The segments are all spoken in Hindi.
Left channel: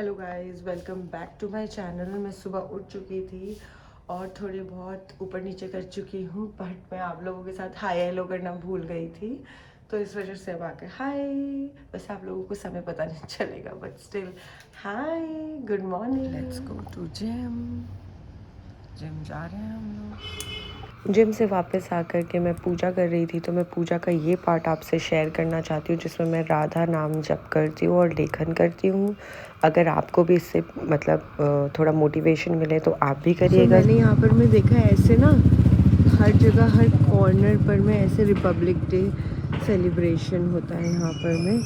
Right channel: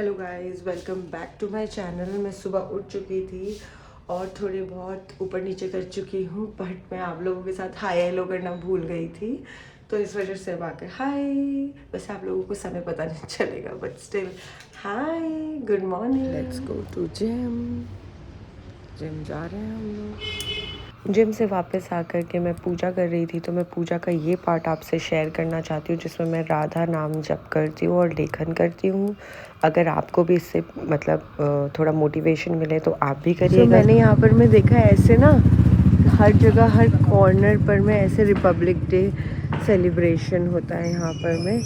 Hello guys, welcome back to my channel. मैं सुबह उठ चुकी थी और थोड़ी बहुत ऊपर नीचे कर चुकी हूँ, बट मैं आप लोगों के साथ हाय हेलो करना भूल गई थी, तो इस वजह से अब आकर हाय। वैसे आप लोगों को समय पता नहीं चलेगा, but still hi, good morning. Let's go to gym जा रहे हैं हम लोग। जिम से वापस आकर के मैं पूजा कर रही थी, तो मैं पूजा का ये पार्ट आपसे शेयर करना चाहती हूँ जिसमें मैं राधा नाम जप करती हूँ और लेखन करती हूँ। अगर आपको भी इससे मतलब थोड़ा मोटिवेशन मिले तो आप भी करिएगा। मैंने यहाँ पर मैं देखा है ऐसे ना, हर जगह हर कॉर्नर पर में ऐसे रिपब्लिक डे सेलिब्रेशन होता है यहाँ पर में,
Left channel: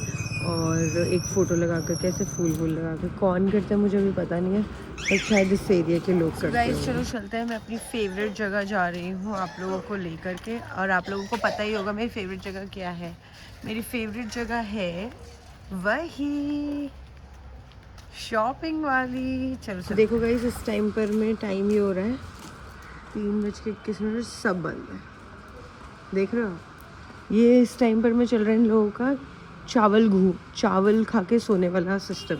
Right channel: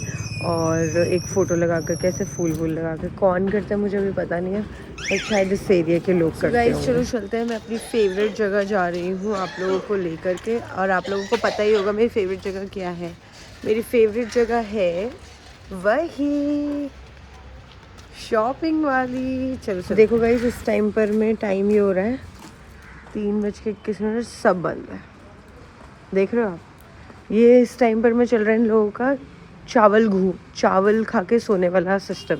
और एक फ़ोटो लगा कर कैसे फूल लगा कर कौन करते हैं मुझे भी पता नहीं है, बट शायद इस एरिया के लोग करते हैं। चलो चलते हैं, मैं अपनी फेवरेट जगह जा रही हूँ आप लोगों को लेकर के, और आप लोगों को पता ही होगा मेरी फेवरेट जगह क्या है। मेरी फेवरेट जगह है वही शॉपिंग वाली। चलो देखो गाइस, इस टाइम पर में टाइम ये हो रहा है 3:21, सब बंद है। देख रहे हो आप, ये इस टाइम पर में चल रहा है इन लोगों का चावल खा के सोने वाला सिस्टम।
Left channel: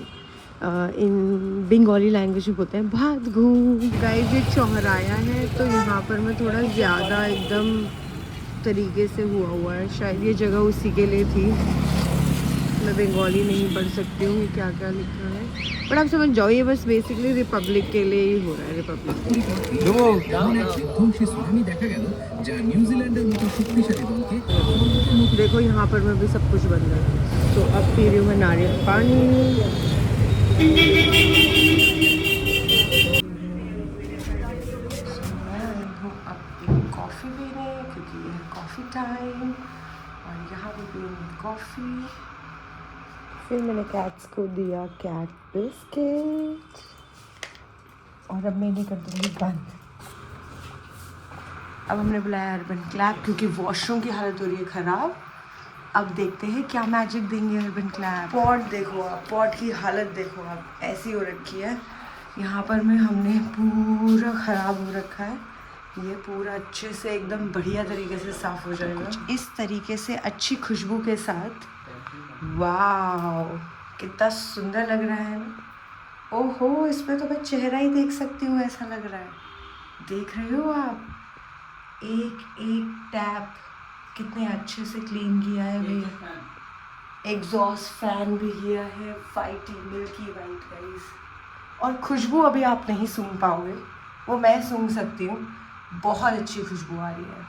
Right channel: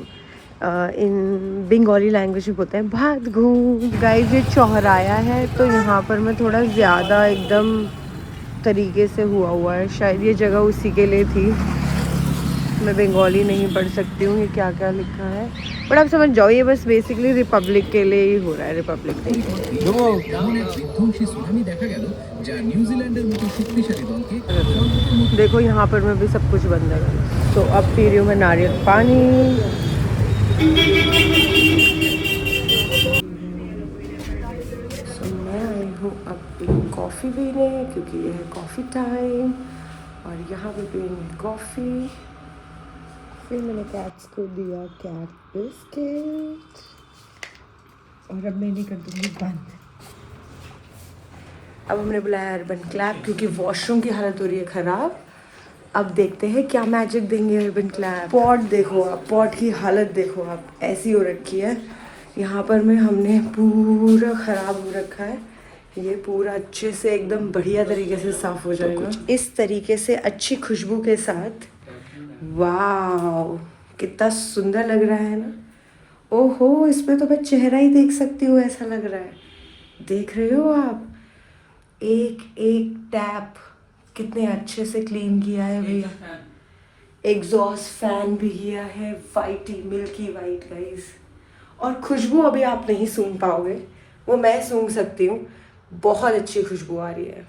इन बंगाली लैंग्वेज में बोलते हैं भात घूम। गाइस ये चौराया है, तो यहाँ पर मैं थोड़ा ज़्यादा एकदम तरीके से हुआ है, शायद ये जगह उसी के लिए थी। मैं बंगाली नहीं पढ़ सकती हूँ ये क्या क्या लिखा है, बट आप समझ जाओ, ये बस बेसिकली रिपब्लिक के लिए ही हो रहा है, रिपब्लिक डे। देखो यहाँ पर मैं भी सब कुछ बंद है, तो अब पी रही हूँ मैं नारियल पानी। मैं आई हूँ अब एक कॉफ़ी पीने, क्योंकि ये है कॉफ़ी टाइम, और यहाँ पे पीऊँगी कॉफ़ी। फिर मैंने कैट्स को दिया कैट बिस्किट, और अब मैंने कर दूँगी बंद। अब हमने बुलाया अर्बन क्लैप, क्योंकि वॉशरूम की हालत हो रही है ख़राब। अब देखते हैं क्या मैजिक देंगे अर्बन क्लैप। पॉट देखो आप, पॉट की हालत देखो आप, ऐसी हो रखी है। यहाँ पर में हमने पूरा ख़राब हो रखा है, ये पूरा अच्छे से एकदम बढ़िया तरीके से साफ़ हो जाएगा। कुछ इस तरीके से अच्छी खुशबू के साथ। वाह, कितना सुंदर लग रहा है ना। ओहो, इसमें तो मैं चेहरा ही देख सकती हूँ, ऐसा लग रहा है। देख रहे हो आप, एक एक टैप कितने अच्छे से क्लीन किया है भैया। एग्जॉस्ट फैन भी किया है, वाइट मिल्की वाइट गाइस। और खुशबू अभी आप नहीं सूंघ पाओगे, वो मैं सूंघ सकती हूँ, बहुत अच्छी खुशबू आ रही है।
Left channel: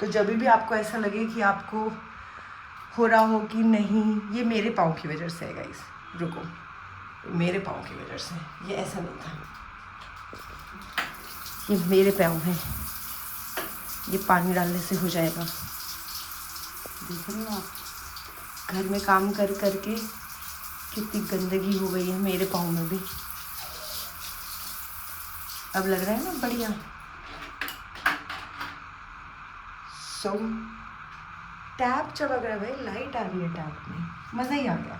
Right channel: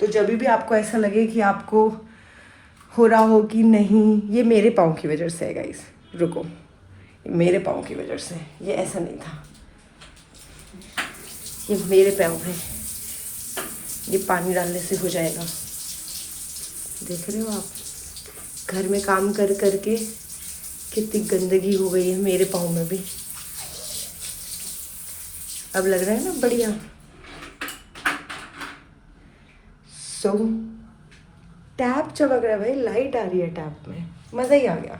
तो जब भी आपको ऐसा लगे कि आपको हो रहा हो कि नहीं, ये मेरे पाँव की वजह से है गाइस, रुको, मेरे पाँव की वजह से, ये ऐसा नहीं था, ये मेरे पाँव है, ये पानी डालने से हो जाएगा। देख रहे हो आप, घर में काम कर करके कितनी गंदगी हो गई है मेरे पाँव में भी। अब लग रहा है ना बढ़िया। सो टैप चमक रहा है भाई, लाइट आ रही है टैप में, मज़ा ही आ गया।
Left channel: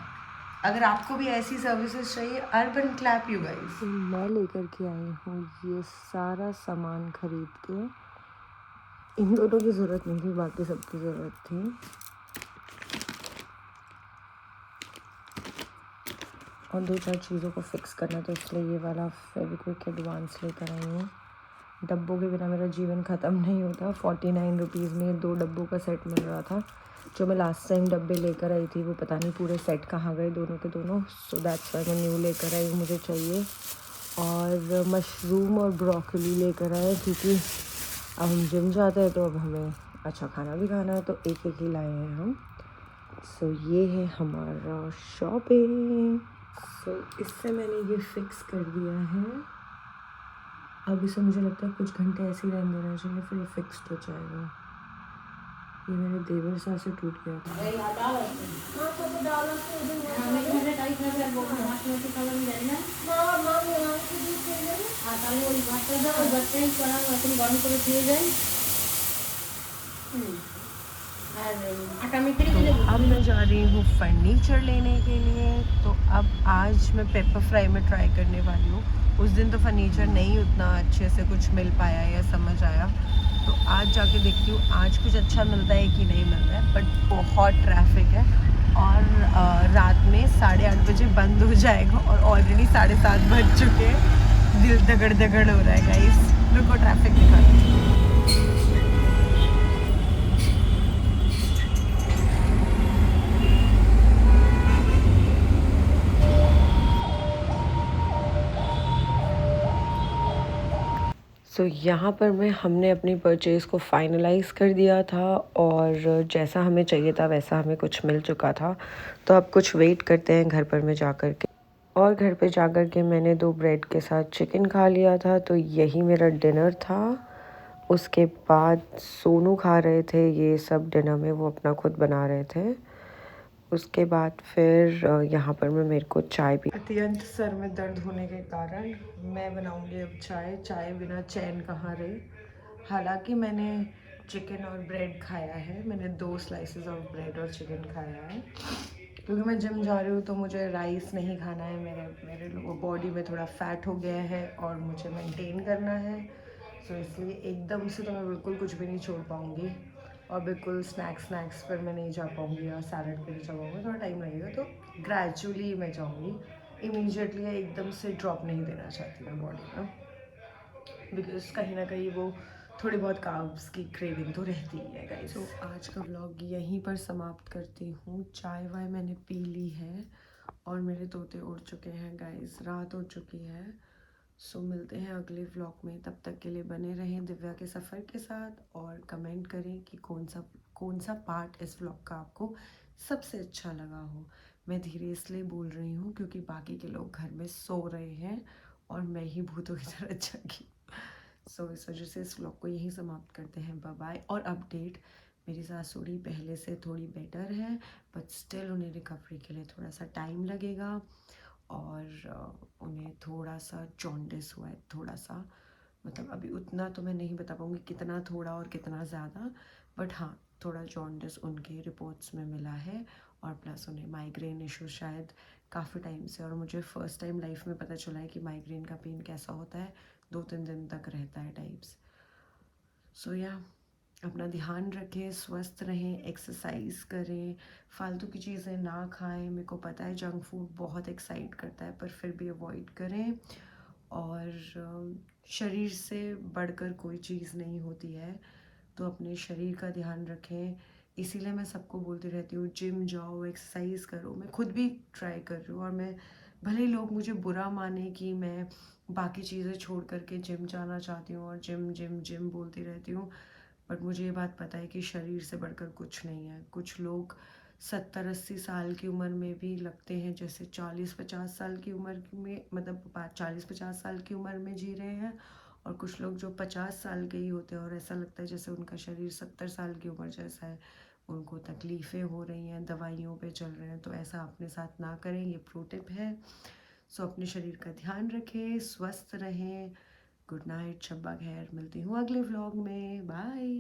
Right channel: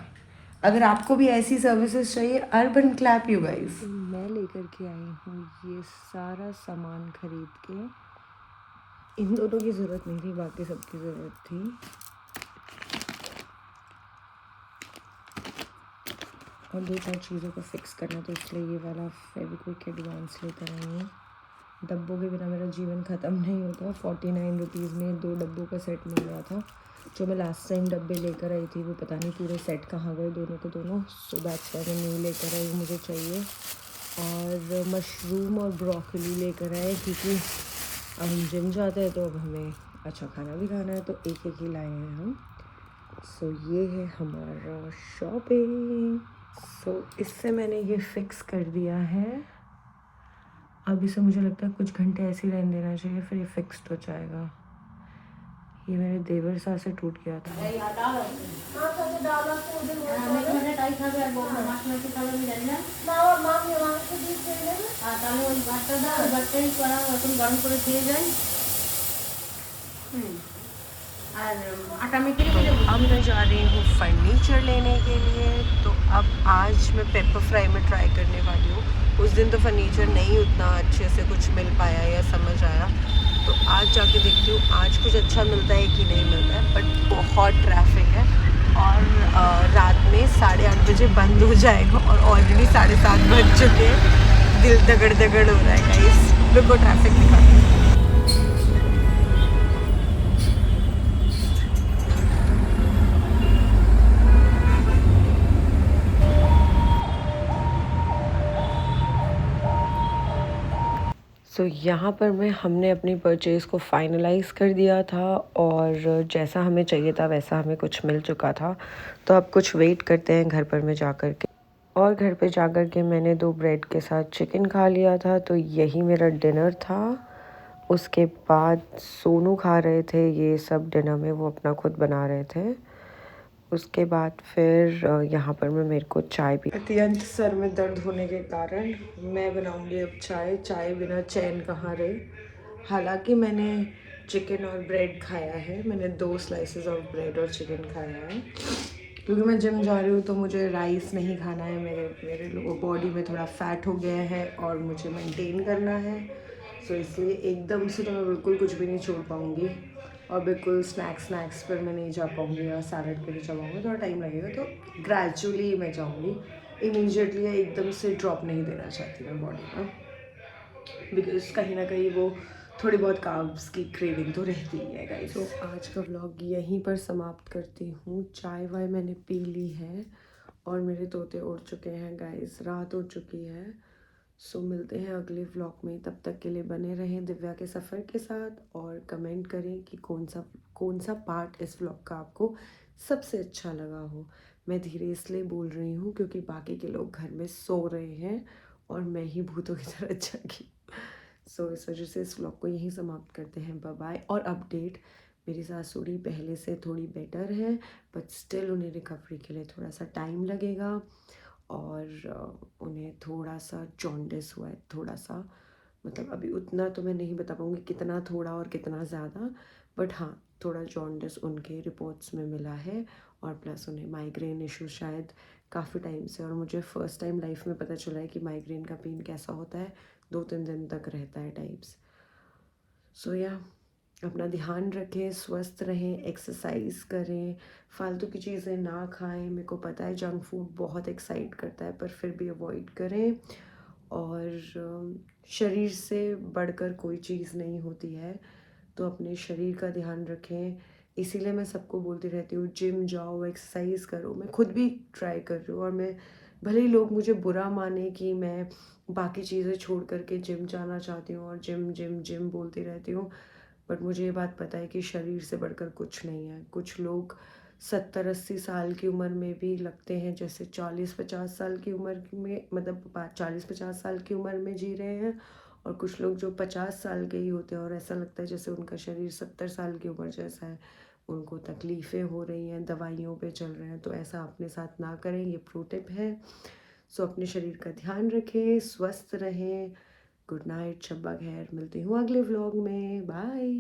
अगर आपको भी ऐसी सर्विसेज चाहिए, अर्बन क्लैप यू गाइस। मैं लेकर के आई हूँ ये सारा सामान खरीद के। इन दोनों की ज़रूरत नहीं थी, बाकी सबकी ज़रूरत थी। और 2-4 चीज़ों को फिक्स करना, तो इसलिए ये वाला फेविक्विक एडवांस लेकर आई हूँ। डब्बों के बिना मेरा जीवन ख़त्म नहीं होता। 49 रुपीज़ में 2 डब्बों का सेट मिल रहा था। जो मैं लास्ट टाइम डब्बे लेकर आई थी, वो पता नहीं पूरे सेट कहाँ गए दोनों के दोनों। सो दैट्स व्हाई मैं न्यू लेकर आई, मुझे चाहिए। और मशरूम और ब्रोकली लेकर आए, क्योंकि अब हम जिम जाते हैं तो अब हमें अच्छा खाना भी खाना है, तो एक एक ही लाए हैं हम। सो ये है हमारा शॉपिंग। सो इससे मैंने ये फिक्स कर दिया है। अब इसे मुझे लगता है कुछ घंटे ऐसे ही रहने देना चाहिए, फिर ये फिक्स हो जाएगा। ये मेरे देवर साथ से टूट गया था। अब मैं जा रही हूँ फर्नीचर लेने के लिए, तो अब आज मैं पेपर फ्राई में ट्राई करने वाली हूँ। उस दिन तो फर्नीचर नहीं उतना अच्छे से कुछ मिल पाया या समझ आया, तो आज जाके देखती हूँ आज कुछ अच्छा मिलता है कि नहीं मिलता है। बट बहुत ट्रैफिक है और रात में 8:30 बजे बंद हो जाएगा और ऑलरेडी 7:30 बज चुके हैं। दिल दगड़ दगड़ हो रहा है गाइस। रुको ट्रैफिक दिखाते हैं। सो यहाँ पर हमने अपनी परचेज़ को फ़ाइनलाइज़ कर दिया था और जैसा हमें चाहिए था वैसा हमें कुछ मिल चुका था। तो अब कुछ वेट करते हैं घर पर में जा कर के। और घर पे जा कर के मैंने 2 ब्रेड के साथ चिकन खा लिया था, तो यही मेरा डिनर था। उसके बाद सोनू खा रहे थे ये सब डिनर में, वो अपना खुद बना रहे थे। उसके बाद फिर यहाँ पर मेरे को चाय पी। अत्यंत सर में दर्द होने के कारण मैं बनाऊंगी अब चाय। चाय बिना चैन कहाँ रहे। हालांकि मैंने चिकन और ब्रेड खाया है, मैंने 2 स्लाइसेस ऑफ ब्रेड और चिकन खाया है, क्योंकि मैं जिम जा रही हूँ तो मुझे राइस नहीं खाना है। मेरे बॉडी में थोड़ा फैट हो गया है और मुझे मेंटेन करना है। सो इसलिए एकदम से तो मैं बिल्कुल कुछ भी नहीं छोड़ पाऊँगी और बिल्कुल स्नैक्स पर मैं नहीं जा पाऊँगी या सैलड पे नहीं जा पाऊँगी, थोड़ा टाइम लगेगा। तो ग्रेजुअली मैं जाऊँगी, इमीडिएटली या एकदम से ड्रॉप नहीं देना चाहती मैं बॉडी में, बिकॉज कहीं ना कहीं वो थोड़ी बहुत कार्ब्स की क्रेविंग तो रहती ही है गाइस। तो आज का व्लॉग यहीं पर समाप्त करती हूँ। चाय वाय मैंने पी ली है और मेरे तोते उड़ चुके हैं गाइस, रात हो चुकी है। सो मिलते हैं अगले व्लॉग में, तब तक के लिए बने रहें दिव्या के सफ़र के साथ और कमेंट करें कि कौन सा पार्ट इस व्लॉग का आपको सबसे अच्छा लगा हो। मैं धीरे इसलिए बोल रही हूँ क्योंकि बाकी के लोग घर में सो रहे हैं और मैं ही भूतों की तरह जागी। सो इस वजह से इस व्लॉग को यहीं समाप्त करते हैं। Bye bye. और अपडेट, मेरी सासुड़ी पहले से थोड़ी बेटर है, बट स्टिल उन्हें रिकवरी के लिए थोड़ा सा टाइम लगेगा और उन्हें थोड़ा सा जॉन्डिस हुआ है, थोड़ा सा, मतलब अभी उतना तो मैं नहीं बता पाऊँगी कितना थोड़ा और कितना ज़्यादा, बट हाँ थोड़ा जॉन्डिस उनके रिपोर्ट्स में मिला है और प्लस उन्हें माइग्रेन इशू शायद काफ़ी टाइम से, और मुझे फ़र्स्ट टाइम लाइफ में पता चला है कि माइग्रेन का पेन कैसा होता है, 2-3 दिन तक रहता है टाइप्स। सो या अपना ध्यान रखें, स्वस्थ रहें, एक्सरसाइज करें, फालतू की चीज़ें ना खाएं। मेरे को पता है जंक फूड बहुत एक्साइट करता है, पर फिर भी अवॉइड करें। और शरीर से बढ़कर कोई चीज़ नहीं होती है, तो अपने शरीर का ध्यान रखें। इसीलिए मैं सबको बोलती रहती हूँ जिम जाओ, एक्सरसाइज करो। मैं खुद भी ट्राई कर रही हूँ और मैं, भले ही लोग मुझे बुरा माने कि मैं बाकी चीज़ें छोड़ करके जिम जाना चाहती हूँ और जिम जिम जिम बोलती रहती हूँ, बट मुझे ये बात पता है कि शरीर से बढ़कर कुछ नहीं है। कुछ लोग 70-80 साल की उम्र में भी लगते हैं जैसे 40-50 साल की उम्र में, मतलब 40-50 साल की उम्र में जी रहे हैं, और कुछ लोग जो 50 साल के ही होते हैं और ऐसा लगता है जैसे उनका शरीर 70 साल की उम्र जैसा है। उनको तकलीफ़ें हो रही हैं, दवाइयों पे चल रहे हैं, तो ऐसा अपने साथ ना करें, ये प्रो टिप है। सो अपने शरीर का ध्यान रखें, स्वस्थ रहें। गुड नाइट, शब्बा खैर। मिलती हूँ अगले व्लॉग में। बाय।